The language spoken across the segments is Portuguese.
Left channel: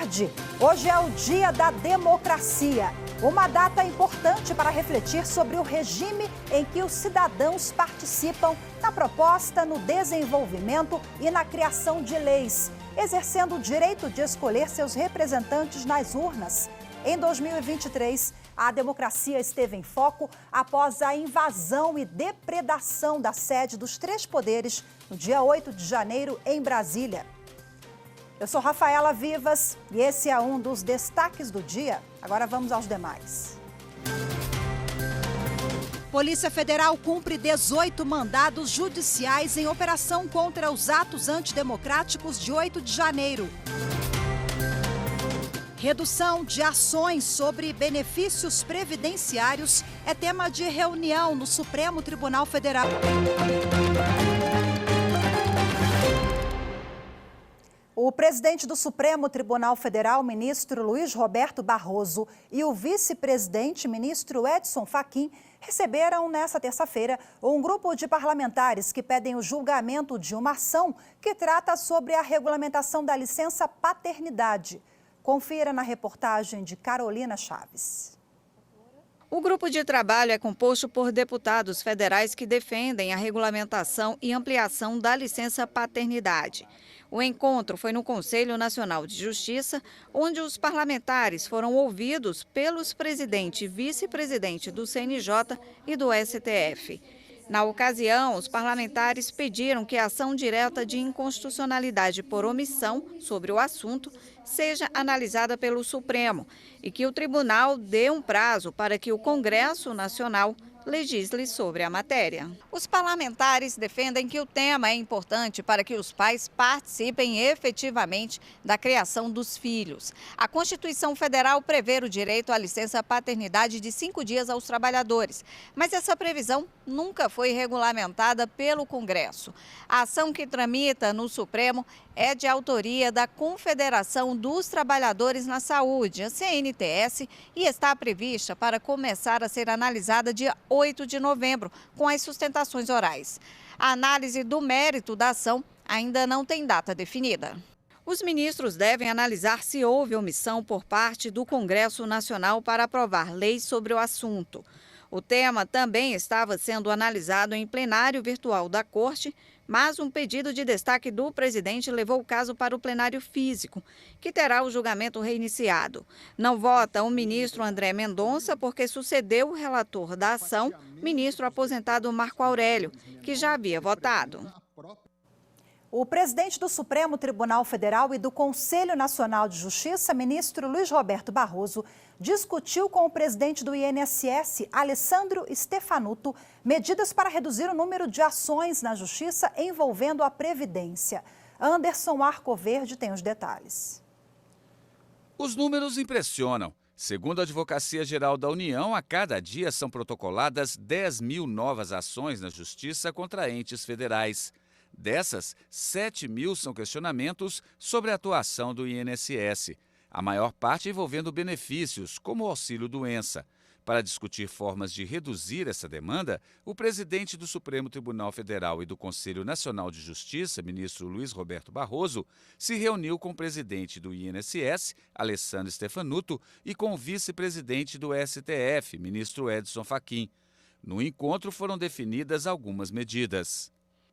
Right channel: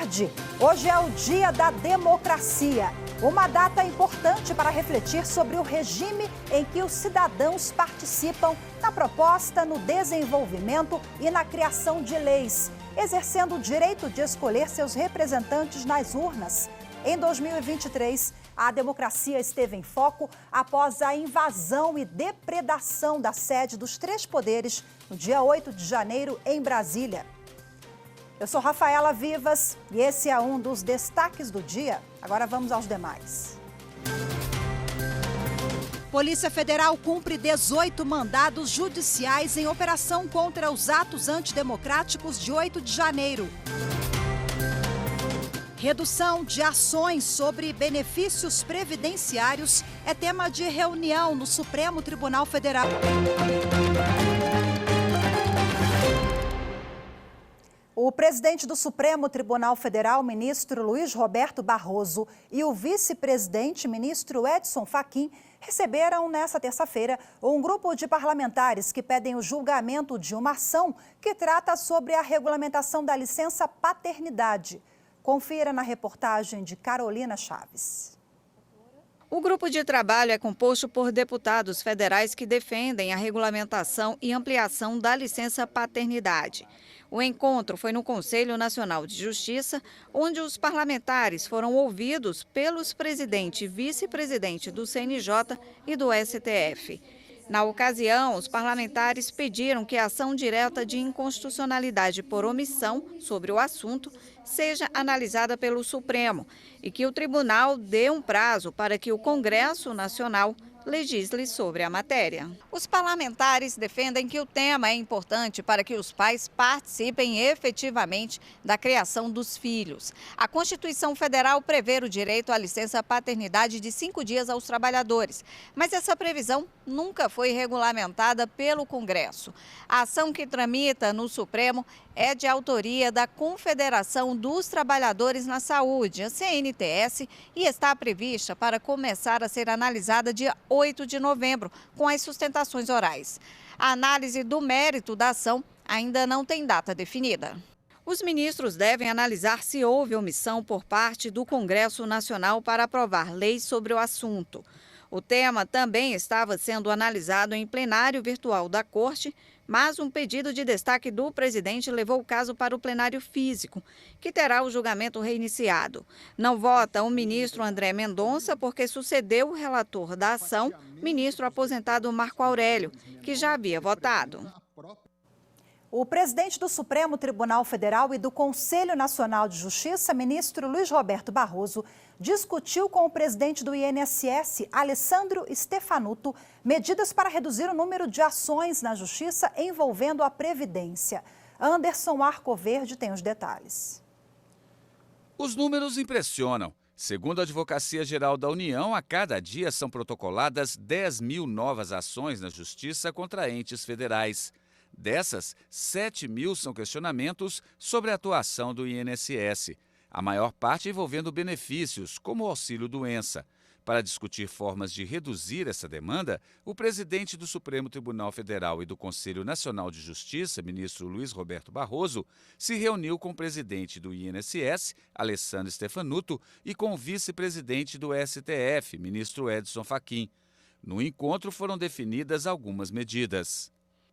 tarde. Hoje é o Dia da Democracia, uma data importante para refletir sobre o regime em que os cidadãos participam na proposta, no desenvolvimento e na criação de leis, exercendo o direito de escolher seus representantes nas urnas. Em 2023, a democracia esteve em foco após a invasão e depredação da sede dos três poderes no dia 8 de janeiro, em Brasília. Eu sou Rafaela Vivas e esse é um dos destaques do dia. Agora vamos aos demais. Polícia Federal cumpre 18 mandados judiciais em operação contra os atos antidemocráticos de 8 de janeiro. Redução de ações sobre benefícios previdenciários é tema de reunião no Supremo Tribunal Federal. O presidente do Supremo Tribunal Federal, ministro Luiz Roberto Barroso, e o vice-presidente, ministro Edson Fachin, receberam nesta terça-feira um grupo de parlamentares que pedem o julgamento de uma ação que trata sobre a regulamentação da licença paternidade. Confira na reportagem de Carolina Chaves. O grupo de trabalho é composto por deputados federais que defendem a regulamentação e ampliação da licença paternidade. O encontro foi no Conselho Nacional de Justiça, onde os parlamentares foram ouvidos pelos presidente e vice-presidente do CNJ e do STF. Na ocasião, os parlamentares pediram que a ação direta de inconstitucionalidade por omissão sobre o assunto seja analisada pelo Supremo e que o tribunal dê um prazo para que o Congresso Nacional legisle sobre a matéria. Os parlamentares defendem que o tema é importante para que os pais participem efetivamente da criação dos filhos. A Constituição Federal prevê o direito à licença paternidade de 5 dias aos trabalhadores, mas essa previsão nunca foi regulamentada pelo Congresso. A ação que tramita no Supremo é de autoria da Confederação dos Trabalhadores na Saúde, a CNTS, e está prevista para começar a ser analisada dia 8 de novembro, com as sustentações orais. A análise do mérito da ação ainda não tem data definida. Os ministros devem analisar se houve omissão por parte do Congresso Nacional para aprovar leis sobre o assunto. O tema também estava sendo analisado em plenário virtual da Corte, mas um pedido de destaque do presidente levou o caso para o plenário físico, que terá o julgamento reiniciado. Não vota o ministro André Mendonça porque sucedeu o relator da ação, ministro aposentado Marco Aurélio, que já havia votado. O presidente do Supremo Tribunal Federal e do Conselho Nacional de Justiça, ministro Luiz Roberto Barroso, discutiu com o presidente do INSS, Alessandro Stefanuto, medidas para reduzir o número de ações na Justiça envolvendo a Previdência. Anderson Arcoverde tem os detalhes. Os números impressionam. Segundo a Advocacia Geral da União, a cada dia são protocoladas 10 mil novas ações na Justiça contra entes federais. Dessas, 7 mil são questionamentos sobre a atuação do INSS, a maior parte envolvendo benefícios, como o auxílio-doença. Para discutir formas de reduzir essa demanda, o presidente do Supremo Tribunal Federal e do Conselho Nacional de Justiça, ministro Luiz Roberto Barroso, se reuniu com o presidente do INSS, Alessandro Stefanuto, e com o vice-presidente do STF, ministro Edson Fachin. No encontro foram definidas algumas medidas.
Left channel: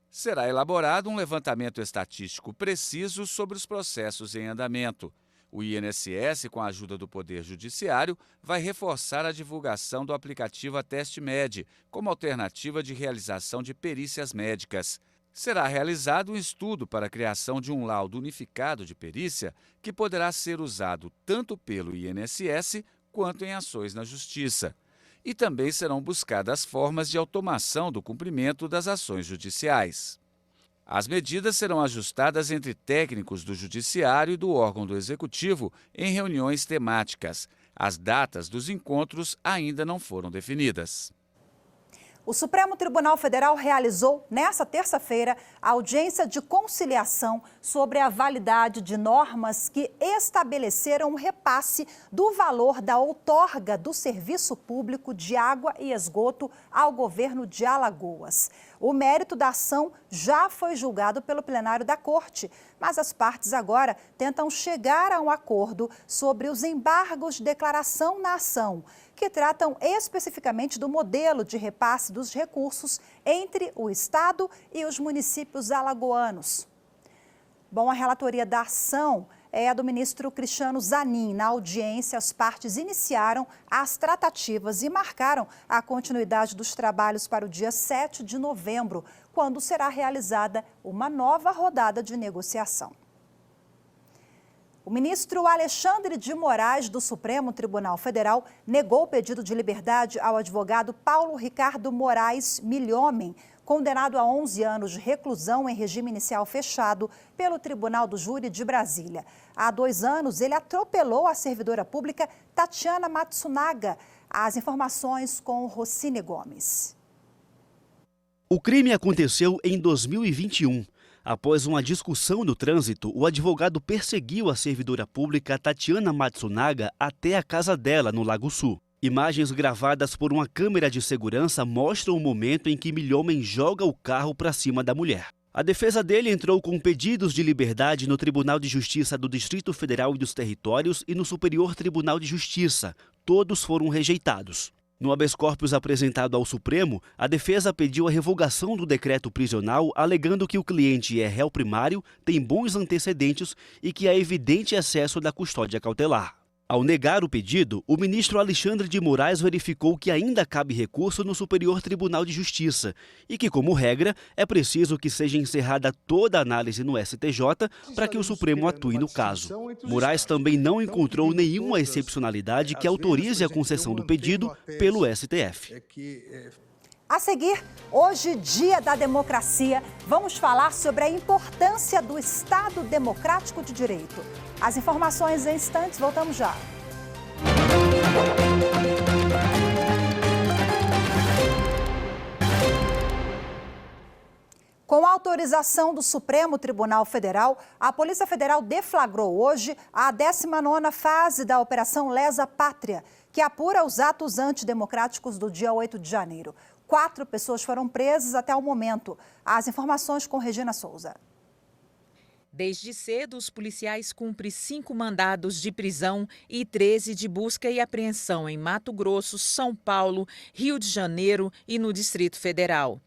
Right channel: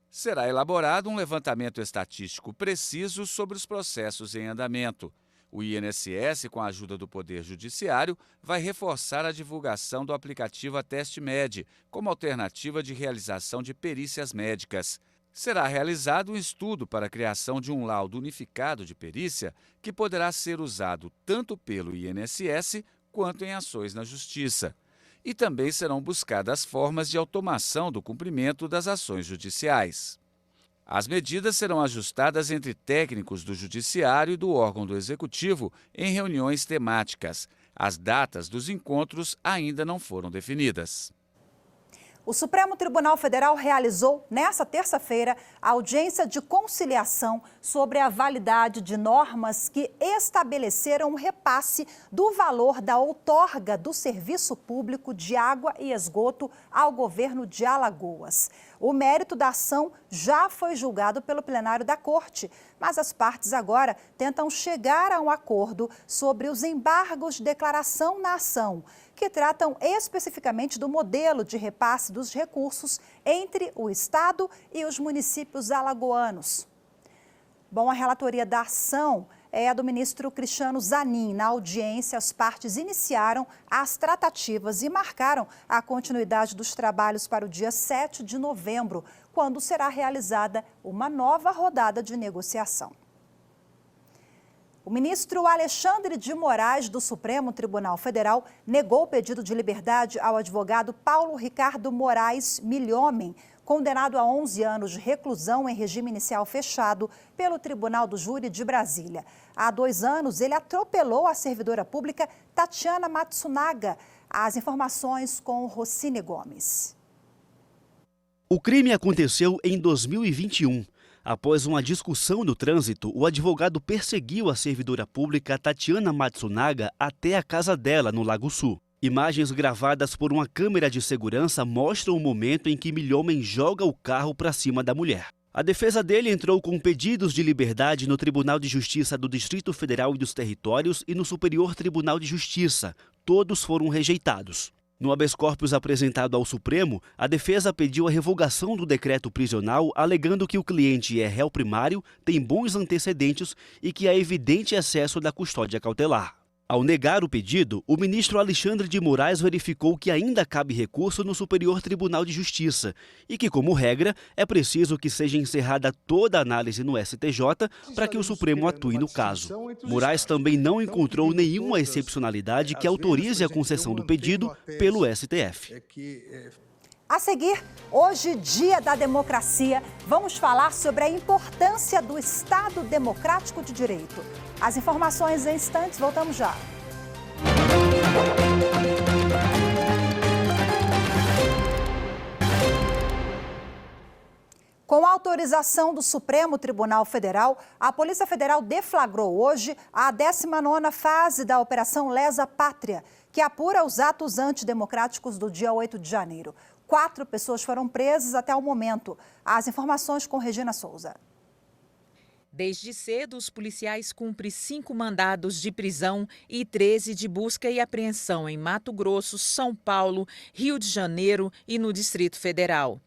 Será elaborado um levantamento estatístico preciso sobre os processos em andamento. O INSS, com a ajuda do Poder Judiciário, vai reforçar a divulgação do aplicativo AtesteMed como alternativa de realização de perícias médicas. Será realizado um estudo para a criação de um laudo unificado de perícia que poderá ser usado tanto pelo INSS quanto em ações na Justiça. E também serão buscadas formas de automação do cumprimento das ações judiciais. As medidas serão ajustadas entre técnicos do Judiciário e do órgão do Executivo em reuniões temáticas. As datas dos encontros ainda não foram definidas. O Supremo Tribunal Federal realizou, nesta terça-feira, a audiência de conciliação sobre a validade de normas que estabeleceram o repasse do valor da outorga do serviço público de água e esgoto ao governo de Alagoas. O mérito da ação já foi julgado pelo plenário da Corte, mas as partes agora tentam chegar a um acordo sobre os embargos de declaração na ação, que tratam especificamente do modelo de repasse dos recursos entre o Estado e os municípios alagoanos. Bom, a relatoria da ação é a do ministro Cristiano Zanin. Na audiência, as partes iniciaram as tratativas e marcaram a continuidade dos trabalhos para o dia 7 de novembro, quando será realizada uma nova rodada de negociação. O ministro Alexandre de Moraes, do Supremo Tribunal Federal, negou o pedido de liberdade ao advogado Paulo Ricardo Moraes Milhomem, condenado a 11 anos de reclusão em regime inicial fechado pelo Tribunal do Júri de Brasília. Há 2 anos, ele atropelou a servidora pública Tatiana Matsunaga. As informações com Rocine Gomes. O crime aconteceu em 2021. Após uma discussão no trânsito, o advogado perseguiu a servidora pública Tatiana Matsunaga até a casa dela, no Lago Sul. Imagens gravadas por uma câmera de segurança mostram o momento em que Milhomem joga o carro para cima da mulher. A defesa dele entrou com pedidos de liberdade no Tribunal de Justiça do Distrito Federal e dos Territórios e no Superior Tribunal de Justiça. Todos foram rejeitados. No habeas corpus apresentado ao Supremo, a defesa pediu a revogação do decreto prisional, alegando que o cliente é réu primário, tem bons antecedentes e que há evidente excesso da custódia cautelar. Ao negar o pedido, o ministro Alexandre de Moraes verificou que ainda cabe recurso no Superior Tribunal de Justiça e que, como regra, é preciso que seja encerrada toda a análise no STJ para que o Supremo atue no caso. Moraes também não encontrou nenhuma excepcionalidade que autorize a concessão do pedido pelo STF. A seguir, hoje, Dia da Democracia, vamos falar sobre a importância do Estado Democrático de Direito. As informações em instantes, voltamos já. Com a autorização do Supremo Tribunal Federal, a Polícia Federal deflagrou hoje a 19ª fase da Operação Lesa Pátria, que apura os atos antidemocráticos do dia 8 de janeiro. 4 pessoas foram presas até o momento. As informações com Regina Souza. Desde cedo, os policiais cumprem 5 mandados de prisão e 13 de busca e apreensão em Mato Grosso, São Paulo, Rio de Janeiro e no Distrito Federal.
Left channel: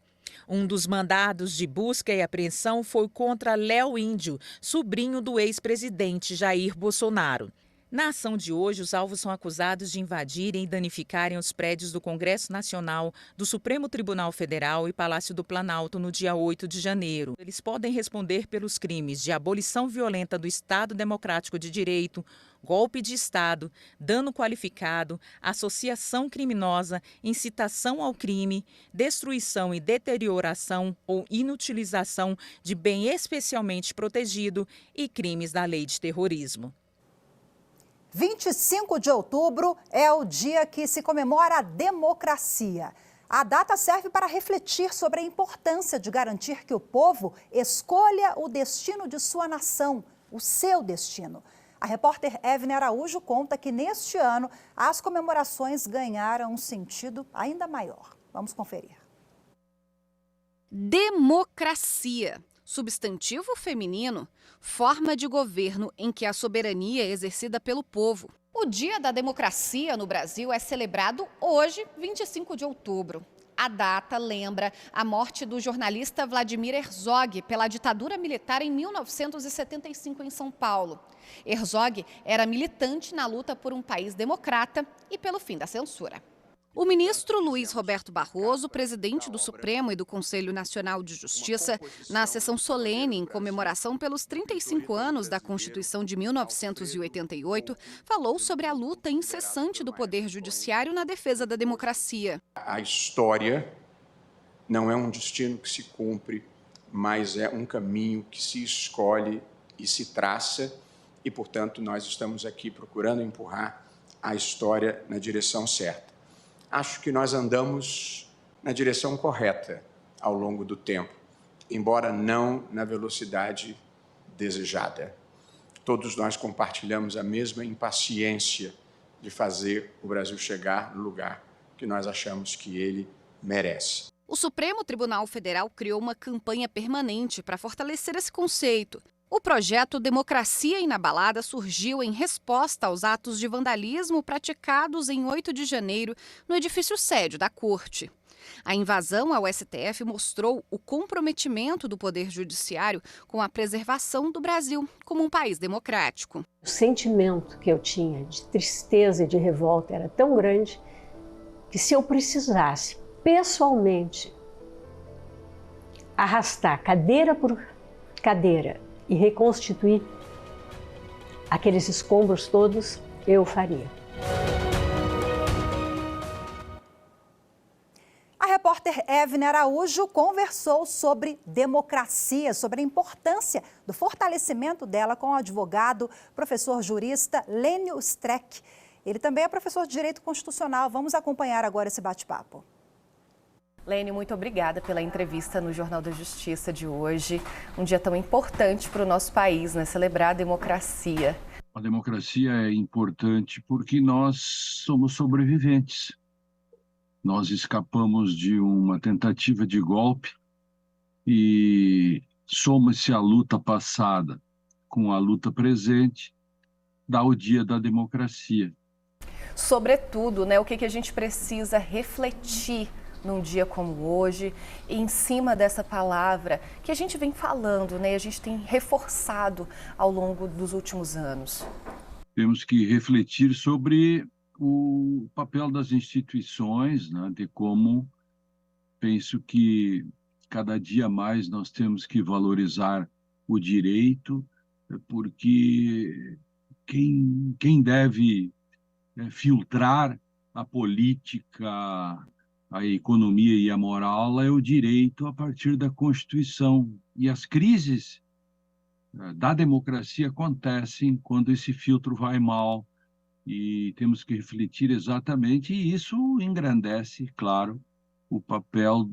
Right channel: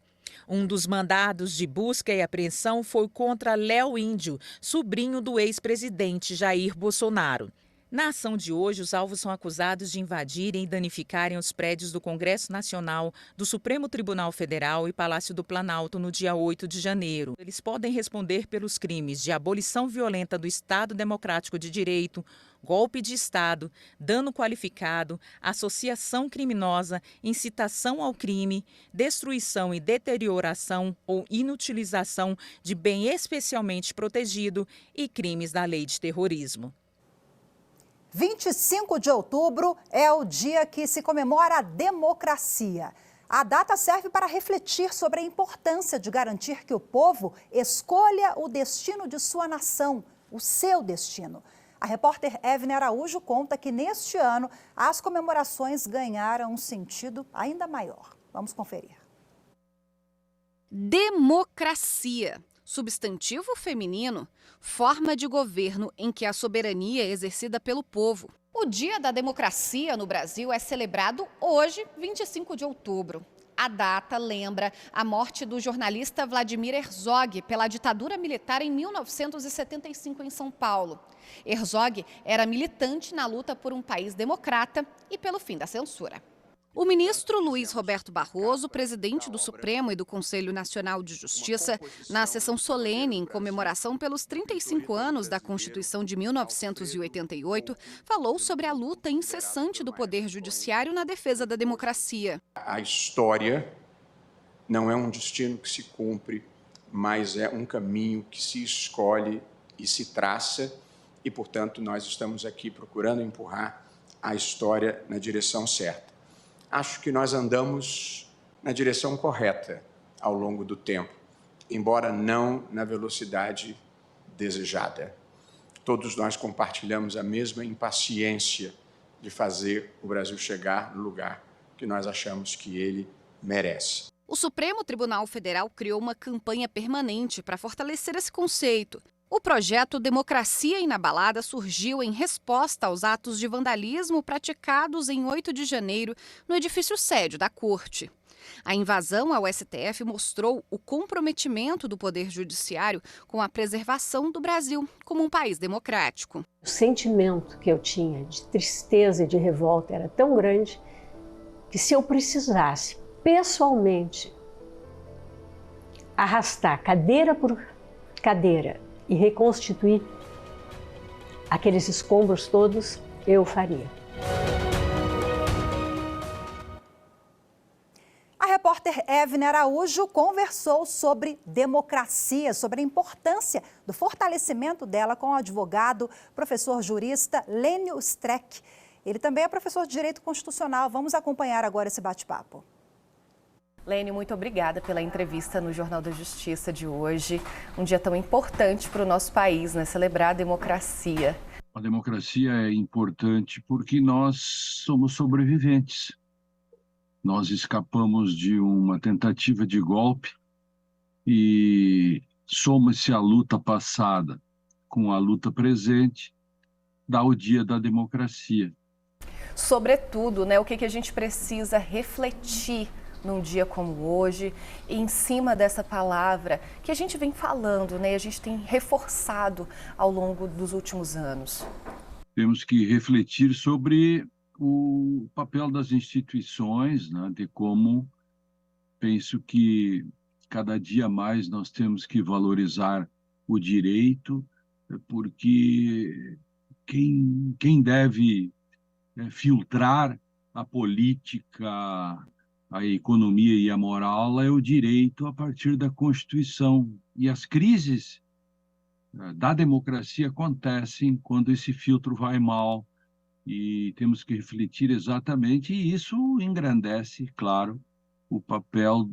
Um dos mandados de busca e apreensão foi contra Léo Índio, sobrinho do ex-presidente Jair Bolsonaro. Na ação de hoje, os alvos são acusados de invadirem e danificarem os prédios do Congresso Nacional, do Supremo Tribunal Federal e Palácio do Planalto no dia 8 de janeiro. Eles podem responder pelos crimes de abolição violenta do Estado Democrático de Direito, golpe de Estado, dano qualificado, associação criminosa, incitação ao crime, destruição e deterioração ou inutilização de bem especialmente protegido e crimes da lei de terrorismo. 25 de outubro é o dia que se comemora a democracia. A data serve para refletir sobre a importância de garantir que o povo escolha o destino de sua nação, o seu destino. A repórter Evne Araújo conta que neste ano as comemorações ganharam um sentido ainda maior. Vamos conferir. Democracia, substantivo feminino, forma de governo em que a soberania é exercida pelo povo. O Dia da Democracia no Brasil é celebrado hoje, 25 de outubro. A data lembra a morte do jornalista Vladimir Herzog pela ditadura militar em 1975 em São Paulo. Herzog era militante na luta por um país democrata e pelo fim da censura. O ministro Luiz Roberto Barroso, presidente do Supremo e do Conselho Nacional de Justiça, na sessão solene em comemoração pelos 35 anos da Constituição de 1988, falou sobre a luta incessante do Poder Judiciário na defesa da democracia. A história não é um destino que se cumpre, mas é um caminho que se escolhe e se traça, e, portanto, nós estamos aqui procurando empurrar a história na direção certa. Acho que nós andamos na direção correta ao longo do tempo. embora não na velocidade desejada. Todos nós compartilhamos a mesma impaciência de fazer o Brasil chegar no lugar que nós achamos que ele merece. O Supremo Tribunal Federal criou uma campanha permanente para fortalecer esse conceito. O projeto Democracia Inabalada surgiu em resposta aos atos de vandalismo praticados em 8 de janeiro no edifício sede da Corte. A invasão ao STF mostrou o comprometimento do Poder Judiciário com a preservação do Brasil como um país democrático. O sentimento que eu tinha de tristeza e de revolta era tão grande que, se eu precisasse pessoalmente arrastar cadeira por cadeira e reconstituir aqueles escombros todos, eu faria. A repórter Evne Araújo conversou sobre democracia, sobre a importância do fortalecimento dela com o advogado, professor jurista Lênio Streck. Ele também é professor de Direito Constitucional. Vamos acompanhar agora esse bate-papo. Lênio, muito obrigada pela entrevista no Jornal da Justiça de hoje. Um dia tão importante para o nosso país, né? Celebrar a democracia. A democracia é importante porque nós somos sobreviventes. Nós escapamos de uma tentativa de golpe e soma-se a luta passada com a luta presente, dá o dia da democracia. Sobretudo, né, o que a gente precisa refletir num dia como hoje, em cima dessa palavra que a gente vem falando, né, a gente tem reforçado ao longo dos últimos anos. Temos que refletir sobre o papel das instituições, né, de como penso que cada dia mais nós temos que valorizar o direito, porque quem deve filtrar a política, a economia e a moral é o direito a partir da Constituição. E as crises da democracia acontecem quando esse filtro vai mal. E temos que refletir exatamente, e isso engrandece, claro, o papel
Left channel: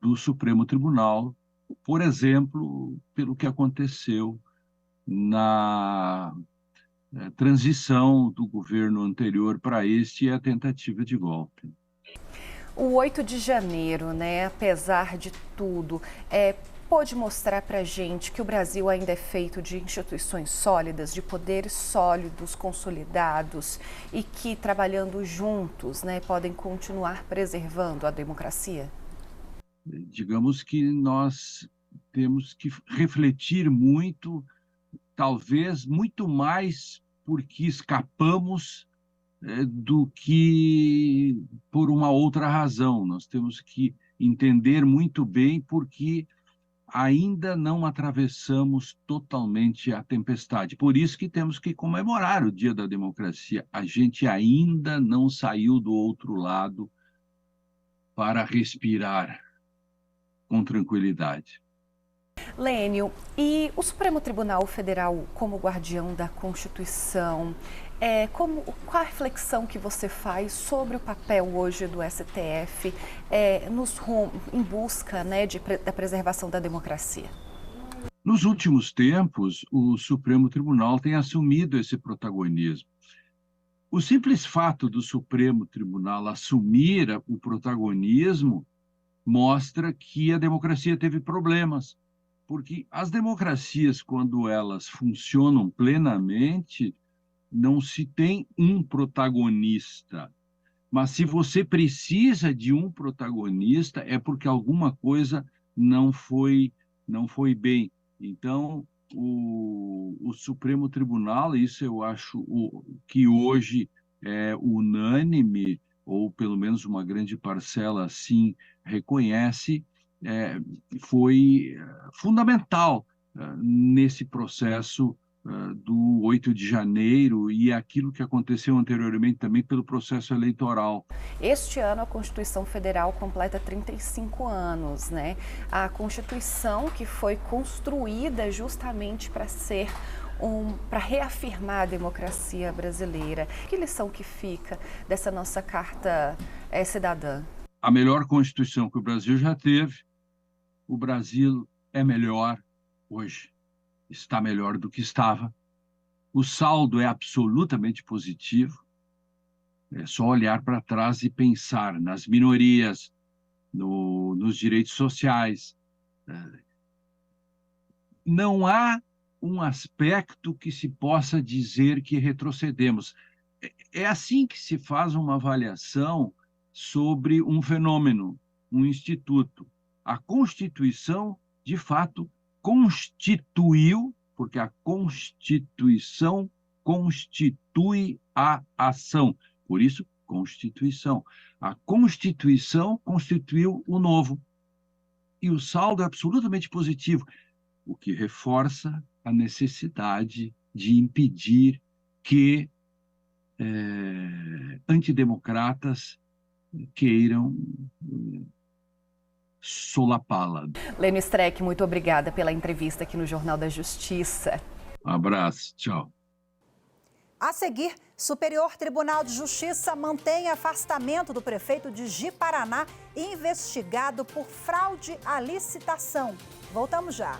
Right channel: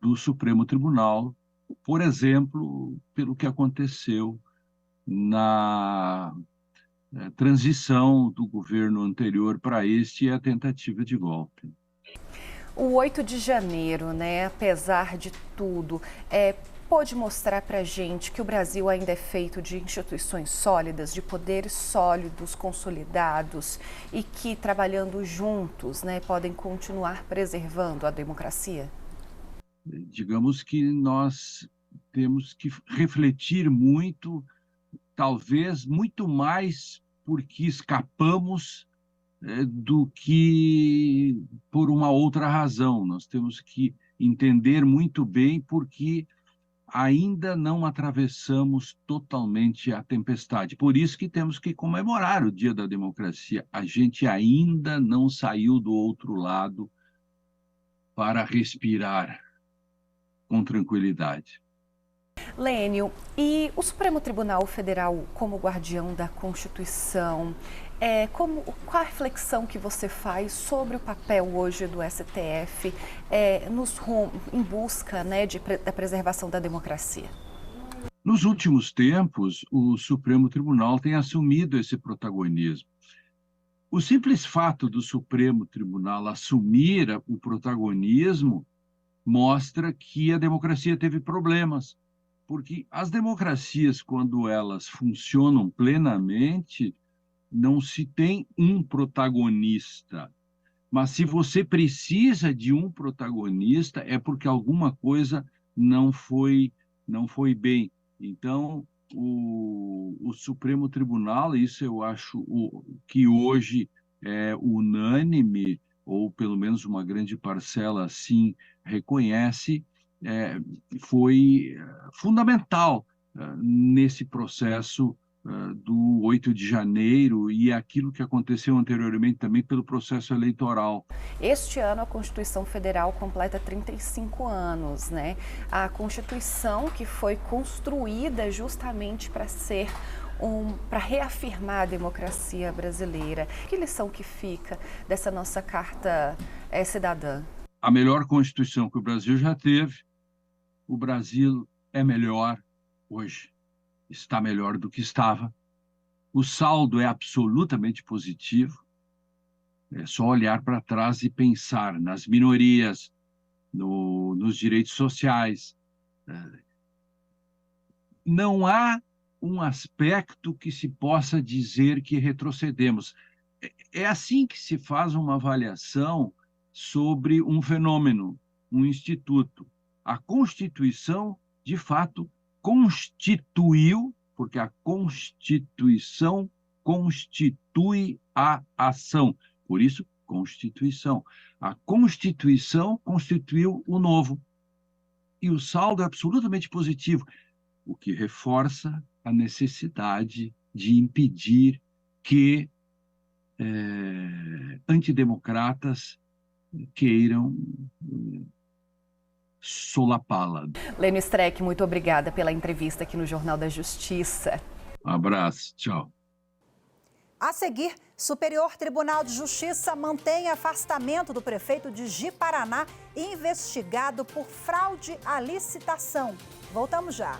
do Supremo Tribunal, por exemplo, pelo que aconteceu na transição do governo anterior para este e a tentativa de golpe. O 8 de janeiro, né, apesar de tudo, pode mostrar para a gente que o Brasil ainda é feito de instituições sólidas, de poderes sólidos, consolidados e que, trabalhando juntos, né, podem continuar preservando a democracia? Digamos que nós temos que refletir muito, talvez muito mais porque escapamos do que por uma outra razão. Nós temos que entender muito bem porque ainda não atravessamos totalmente a tempestade. Por isso que temos que comemorar o Dia da Democracia. A gente ainda não saiu do outro lado para respirar com tranquilidade. Lênio, e o Supremo Tribunal Federal, como guardião da Constituição, qual a reflexão que você faz sobre o papel hoje do STF em busca, né, da preservação da democracia? Nos últimos tempos, o Supremo Tribunal tem assumido esse protagonismo. O simples fato do Supremo Tribunal assumir o protagonismo mostra que a democracia teve problemas, porque as democracias, quando elas funcionam plenamente, não se tem um protagonista. Mas se você precisa de um protagonista, é porque alguma coisa não foi bem. Então, o Supremo Tribunal, isso eu acho que hoje é unânime, ou pelo menos uma grande parcela assim reconhece, foi fundamental nesse processo do 8 de janeiro e aquilo que aconteceu anteriormente também pelo processo eleitoral. Este ano a Constituição Federal completa 35 anos, né? A Constituição que foi construída justamente para reafirmar a democracia brasileira. Que lição que fica dessa nossa Carta Cidadã? A melhor Constituição que o Brasil já teve, o Brasil é melhor hoje, está melhor do que estava. O saldo é absolutamente positivo. É só olhar para trás e pensar nas minorias, nos direitos sociais. Não há um aspecto que se possa dizer que retrocedemos. É assim que se faz uma avaliação sobre um fenômeno, um instituto. A Constituição, de fato, constituiu, porque a Constituição constitui a ação. Por isso, Constituição. A Constituição constituiu o novo. E o saldo é absolutamente positivo, o que reforça a necessidade de impedir que antidemocratas queiram solapá-la. Lênio Streck, muito obrigada pela entrevista aqui no Jornal da Justiça. Um abraço, tchau. A seguir, Superior Tribunal de Justiça mantém afastamento do prefeito de Ji-Paraná, investigado por fraude à licitação. Voltamos já.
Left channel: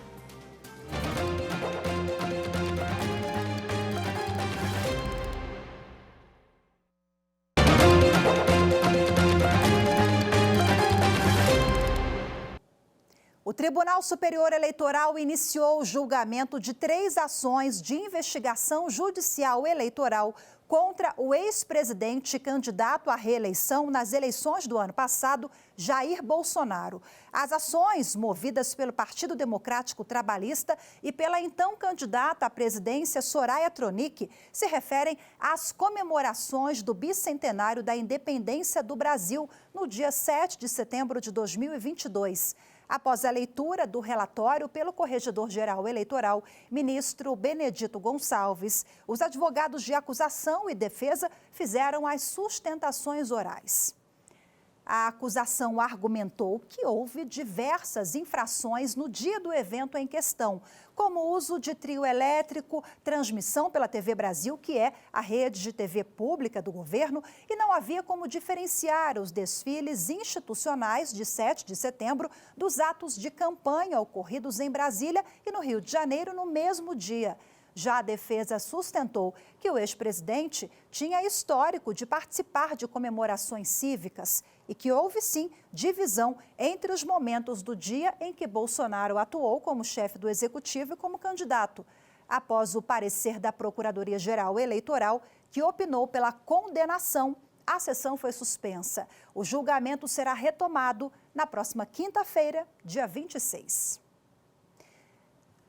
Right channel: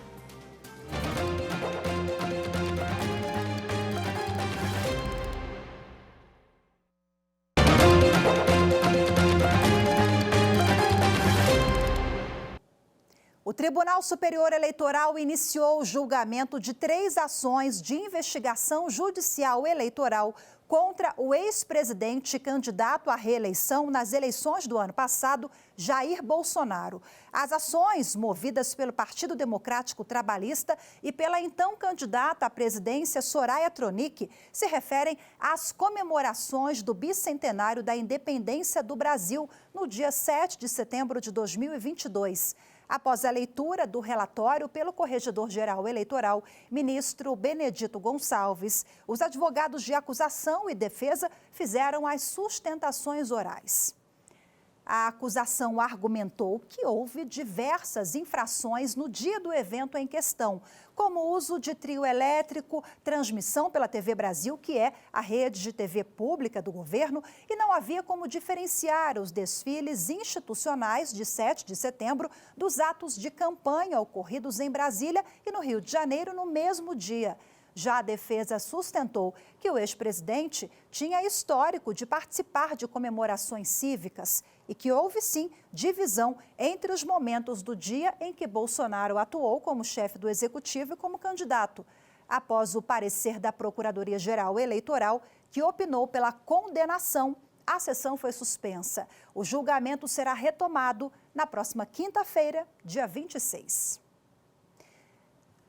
O Tribunal Superior Eleitoral iniciou o julgamento de 3 ações de investigação judicial eleitoral contra o ex-presidente e candidato à reeleição nas eleições do ano passado, Jair Bolsonaro. As ações, movidas pelo Partido Democrático Trabalhista e pela então candidata à presidência Soraya Tronic, se referem às comemorações do bicentenário da independência do Brasil, no dia 7 de setembro de 2022. Após a leitura do relatório pelo Corregedor-Geral Eleitoral, ministro Benedito Gonçalves, os advogados de acusação e defesa fizeram as sustentações orais. A acusação argumentou que houve diversas infrações no dia do evento em questão, como uso de trio elétrico, transmissão pela TV Brasil, que é a rede de TV pública do governo, e não havia como diferenciar os desfiles institucionais de 7 de setembro dos atos de campanha ocorridos em Brasília e no Rio de Janeiro no mesmo dia. Já a defesa sustentou que o ex-presidente tinha histórico de participar de comemorações cívicas e que houve, sim, divisão entre os momentos do dia em que Bolsonaro atuou como chefe do executivo e como candidato. Após o parecer da Procuradoria-Geral Eleitoral, que opinou pela condenação, a sessão foi suspensa. O julgamento será retomado na próxima quinta-feira, dia 26.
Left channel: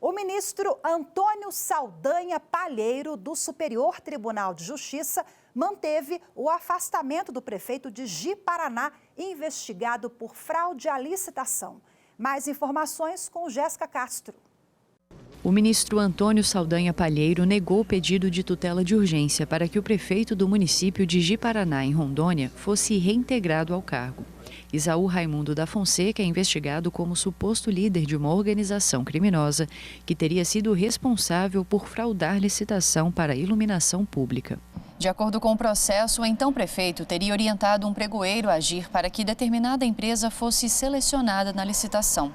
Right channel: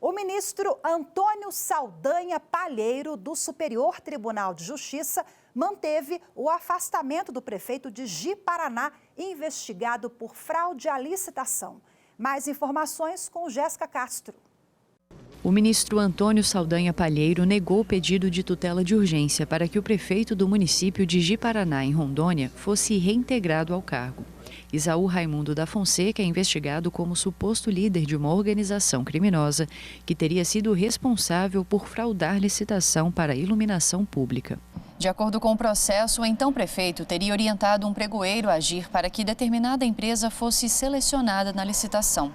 O ministro Antônio Saldanha Palheiro, do Superior Tribunal de Justiça, manteve o afastamento do prefeito de Ji-Paraná, investigado por fraude à licitação. Mais informações com Jéssica Castro. O ministro Antônio Saldanha Palheiro negou o pedido de tutela de urgência para que o prefeito do município de Ji-Paraná, em Rondônia, fosse reintegrado ao cargo. Isaú Raimundo da Fonseca é investigado como suposto líder de uma organização criminosa que teria sido responsável por fraudar licitação para iluminação pública. De acordo com o processo, o então prefeito teria orientado um pregoeiro a agir para que determinada empresa fosse selecionada na licitação.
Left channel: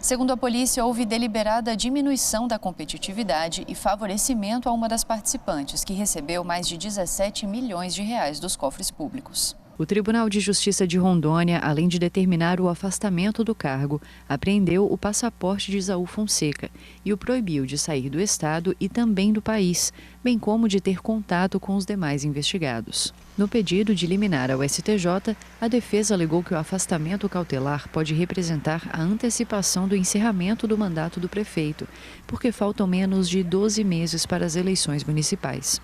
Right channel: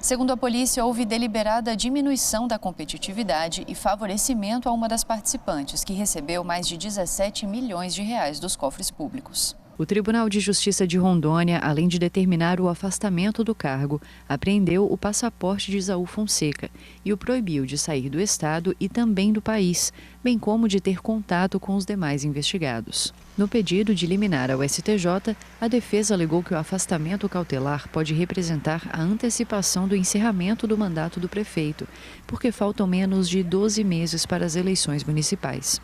Segundo a polícia, houve deliberada diminuição da competitividade e favorecimento a uma das participantes, que recebeu mais de 17 milhões de reais dos cofres públicos. O Tribunal de Justiça de Rondônia, além de determinar o afastamento do cargo, apreendeu o passaporte de Isaú Fonseca e o proibiu de sair do estado e também do país, bem como de ter contato com os demais investigados. No pedido de liminar ao STJ, a defesa alegou que o afastamento cautelar pode representar a antecipação do encerramento do mandato do prefeito, porque faltam menos de 12 meses para as eleições municipais.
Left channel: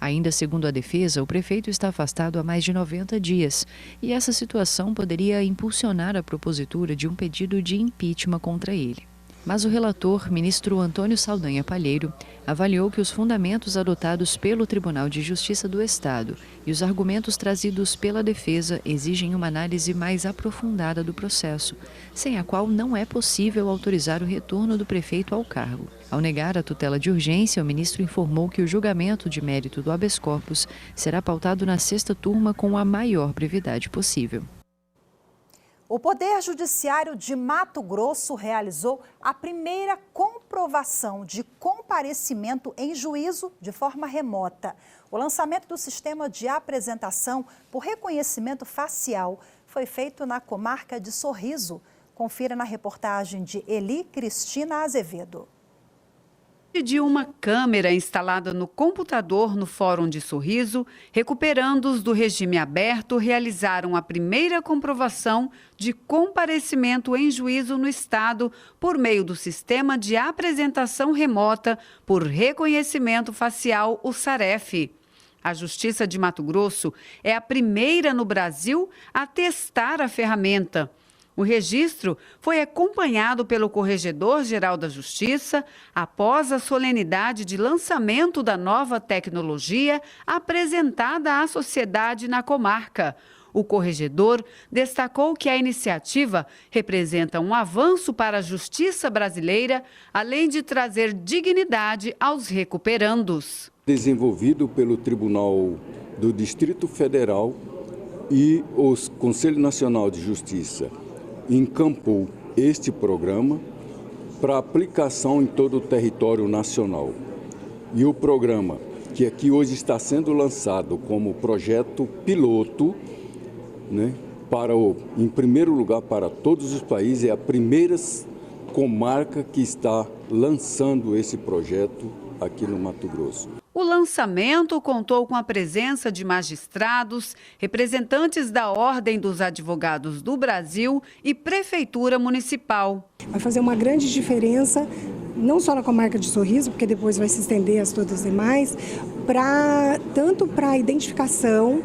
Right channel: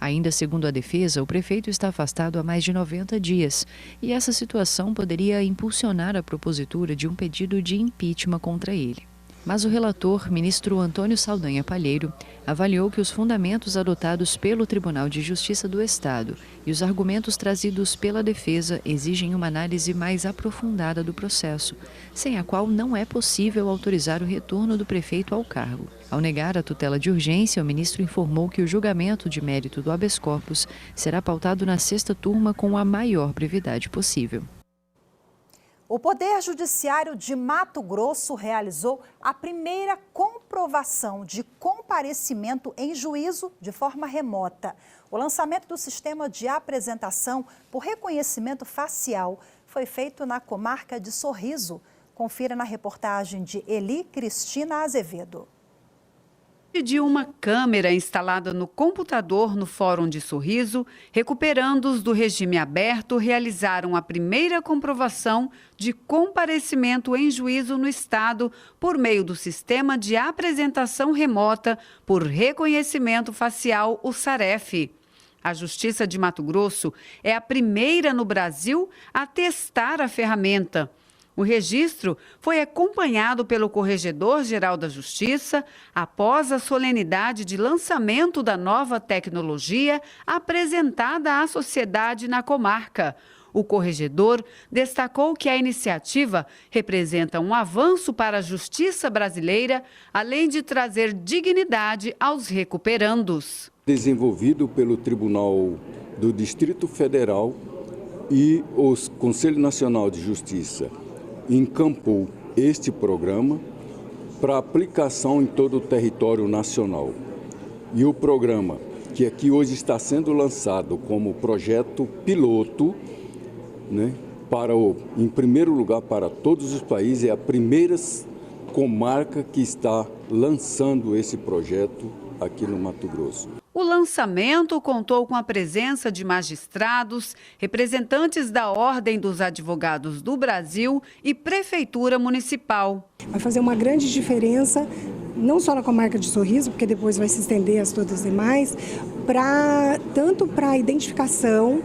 Ainda segundo a defesa, o prefeito está afastado há mais de 90 dias e essa situação poderia impulsionar a propositura de um pedido de impeachment contra ele. Mas o relator, ministro Antônio Saldanha Palheiro, avaliou que os fundamentos adotados pelo Tribunal de Justiça do Estado e os argumentos trazidos pela defesa exigem uma análise mais aprofundada do processo, sem a qual não é possível autorizar o retorno do prefeito ao cargo. Ao negar a tutela de urgência, o ministro informou que o julgamento de mérito do habeas corpus será pautado na 6ª turma com a maior brevidade possível. O Poder Judiciário de Mato Grosso realizou a primeira comprovação de comparecimento em juízo de forma remota. O lançamento do sistema de apresentação por reconhecimento facial foi feito na comarca de Sorriso. Confira na reportagem de Eli Cristina Azevedo. De uma câmera instalada no computador no Fórum de Sorriso, recuperandos do regime aberto realizaram a primeira comprovação de comparecimento em juízo no Estado por meio do sistema de apresentação remota por reconhecimento facial, o SAREF. A Justiça de Mato Grosso é a primeira no Brasil a testar a ferramenta. O registro foi acompanhado pelo Corregedor-Geral da Justiça após a solenidade de lançamento da nova tecnologia apresentada à sociedade na comarca. O corregedor destacou que a iniciativa representa um avanço para a justiça brasileira, além de trazer dignidade aos recuperandos. Desenvolvido pelo Tribunal do Distrito Federal e o Conselho Nacional de Justiça, encampou este programa para aplicação em todo o território nacional. E o programa, que aqui hoje está sendo lançado como projeto piloto, em primeiro lugar para todos os países, é a primeira comarca que está lançando esse projeto aqui no Mato Grosso. O lançamento contou com a presença de magistrados, representantes da Ordem dos Advogados do Brasil e Prefeitura Municipal. Vai fazer uma grande diferença, não só na comarca de Sorriso, porque depois vai se estender a todas as demais, tanto para a identificação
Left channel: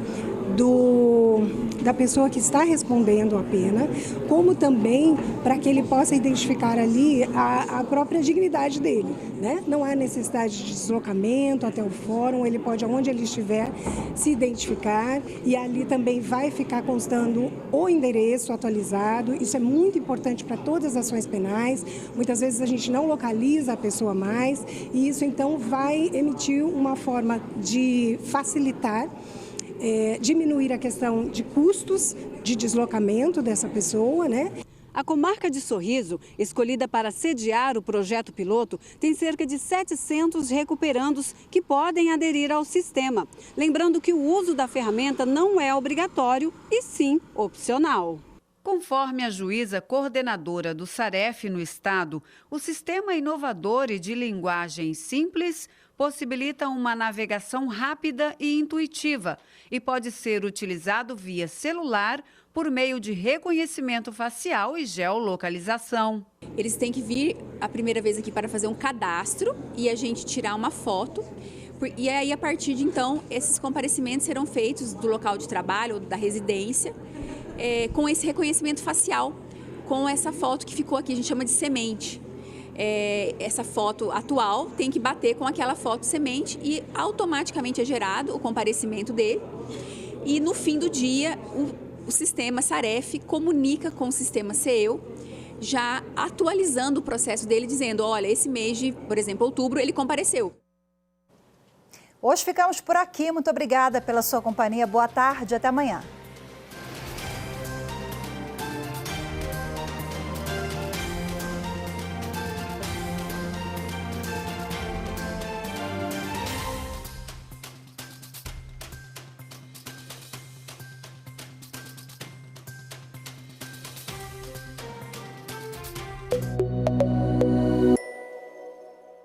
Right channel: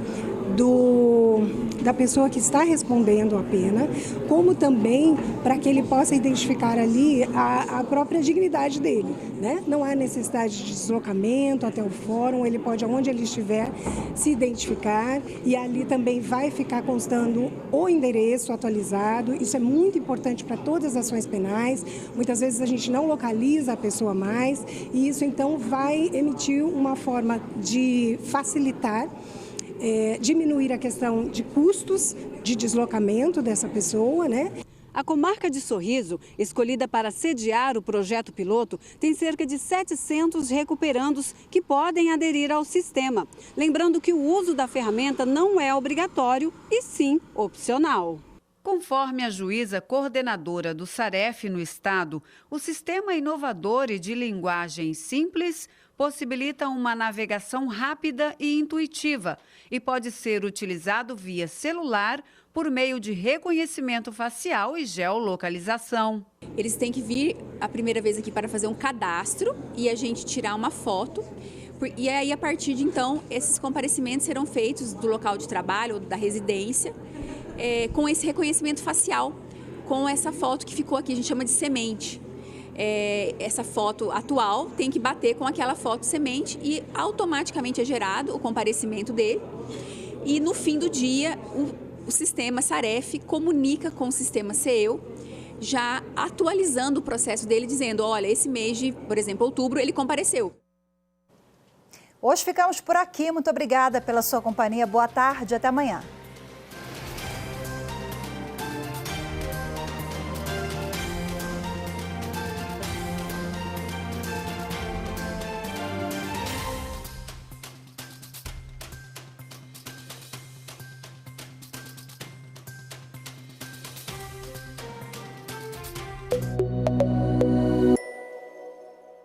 da pessoa que está respondendo a pena, como também para que ele possa identificar ali a própria dignidade dele, né? Não há necessidade de deslocamento até o fórum, ele pode, onde ele estiver, se identificar e ali também vai ficar constando o endereço atualizado. Isso é muito importante para todas as ações penais. Muitas vezes a gente não localiza a pessoa mais e isso então vai emitir uma forma de facilitar, diminuir a questão de custos de deslocamento dessa pessoa, né? A comarca de Sorriso, escolhida para sediar o projeto piloto, tem cerca de 700 recuperandos que podem aderir ao sistema. Lembrando que o uso da ferramenta não é obrigatório e sim opcional. Conforme a juíza coordenadora do SAREF no estado, o sistema inovador e de linguagem simples possibilita uma navegação rápida e intuitiva e pode ser utilizado via celular por meio de reconhecimento facial e geolocalização. Eles têm que vir a primeira vez aqui para fazer um cadastro e a gente tirar uma foto. E aí, a partir de então, esses comparecimentos serão feitos do local de trabalho ou da residência com esse reconhecimento facial, com essa foto que ficou aqui, a gente chama de semente. Essa foto atual tem que bater com aquela foto semente e automaticamente é gerado o comparecimento dele. E no fim do dia, o sistema SAREF comunica com o sistema CEU, já atualizando o processo dele, dizendo, olha, esse mês de, por exemplo, outubro, ele compareceu. Hoje ficamos por aqui. Muito obrigada pela sua companhia. Boa tarde, até amanhã.